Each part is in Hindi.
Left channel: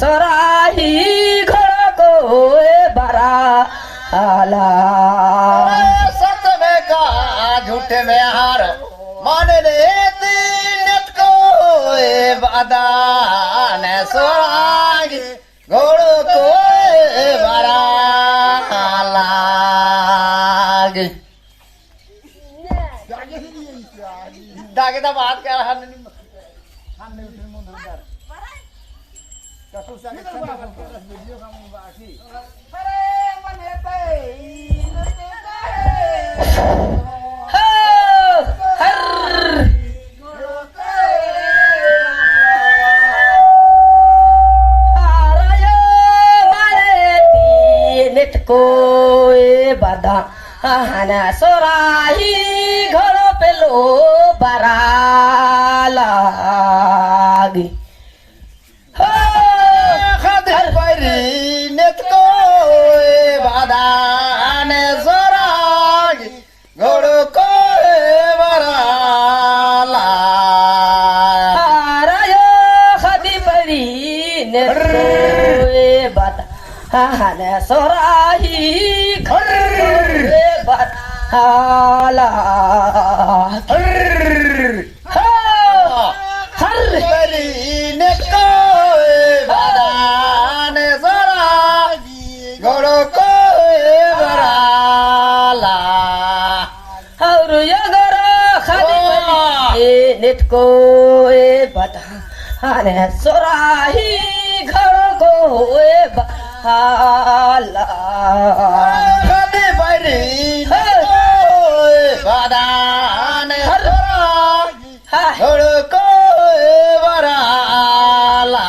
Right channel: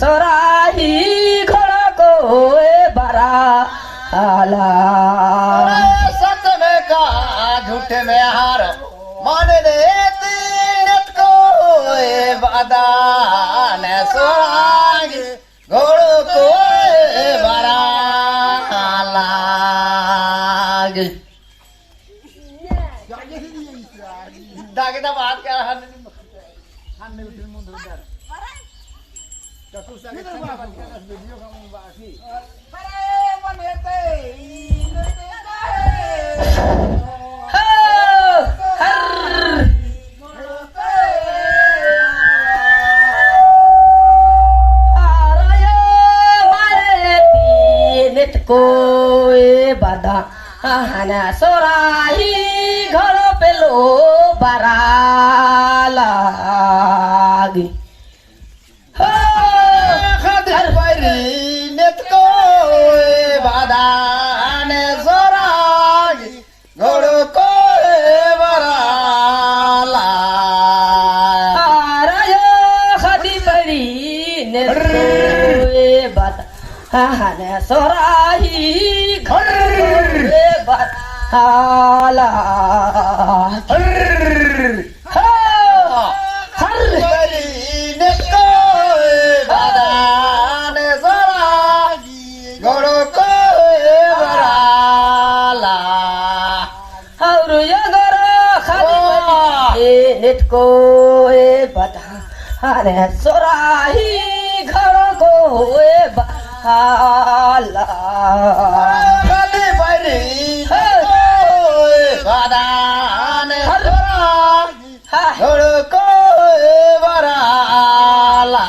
सोराही घर को बरा आला सच में का झूठ में हार मान देती नत को वादा न सोराही घोड़ों को बरा लागी दागेदा बात क्या है खाने उठे मुंडर कसुसा के वीडियो का बाकी अरे मन हेते को बदा हना सोराही घर पेलो बरा लागी खदर परी नेत को बादा ने सोराही घोड़ो को बरा लागी खदी परी नेत को बदा हना सोराही घर हाला घोड़ो को बराला और ये गरा खाली नेट को बता अरे सोराही घर को बहाला खाली बड़ी गादान घोड़ो को बराला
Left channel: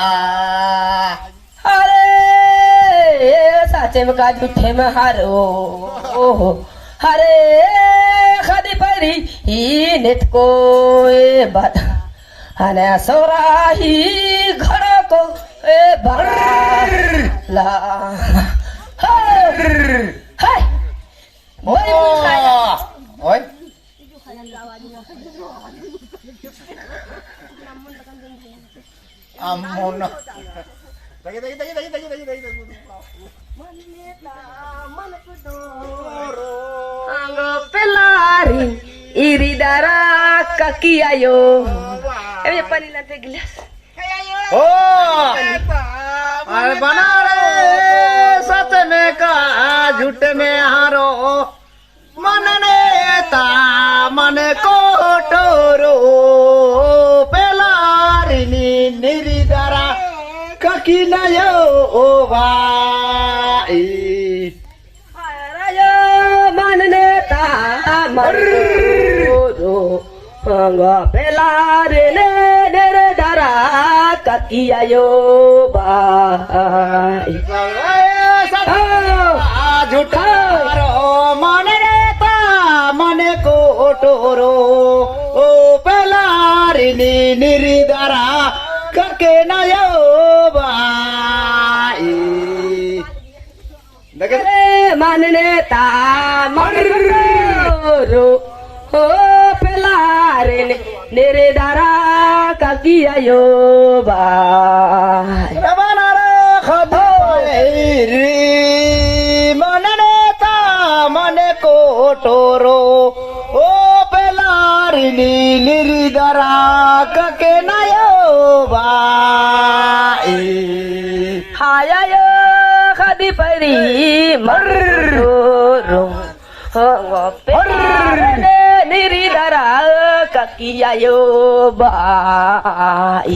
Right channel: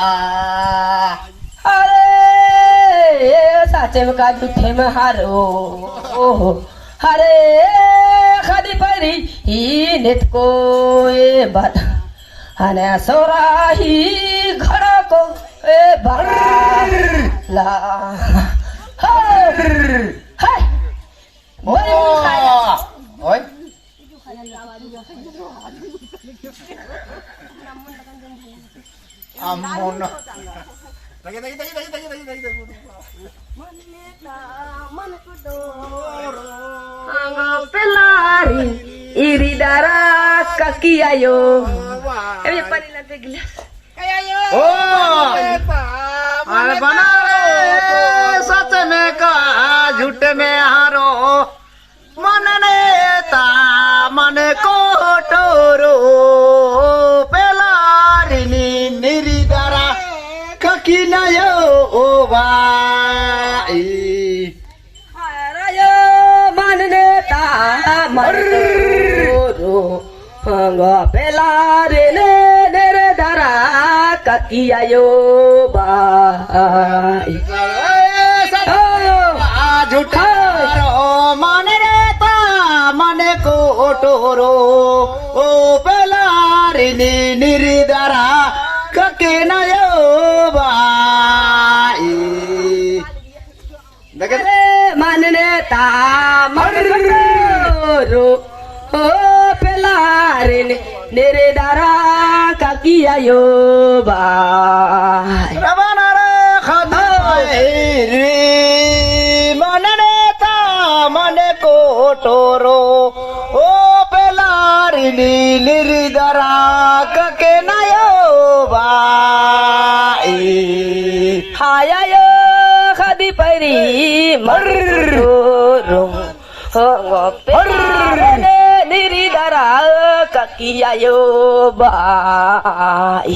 साचे में का झूठे में हारो ओहो हरे खादी परी ही नेट को बता हने सोराही घर को बरला हाय ओए अम्मोना pelari iri darah kaki ayo paling nanti gelas ओ अरे बना रे सच में का झूठ में हारो मन नेता मन को टोरो पेलारी निरी दरा ककी नयो ओ भाई मन नेता मन रो pelari dere dara kaki ayo bai झूठा मन रेता मन को टोरो ओ पेलारी निरिदरा कके नयो भाई मन नेता मन रो ओ pelari dere dara kaki ayo bai मन नेता मन को टोरो ओ पेलारी निरिदरा कके नयो भाई हाया खादी परी मर्रो निरी दरा ककी आयो बाई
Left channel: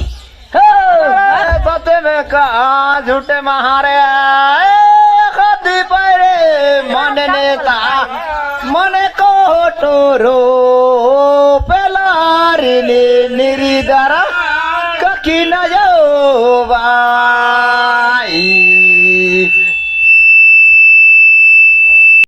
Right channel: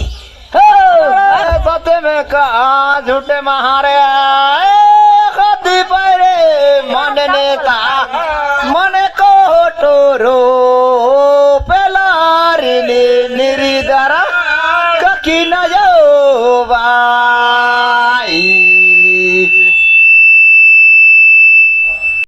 सच में का झूठ महारे खादी परे मन नेता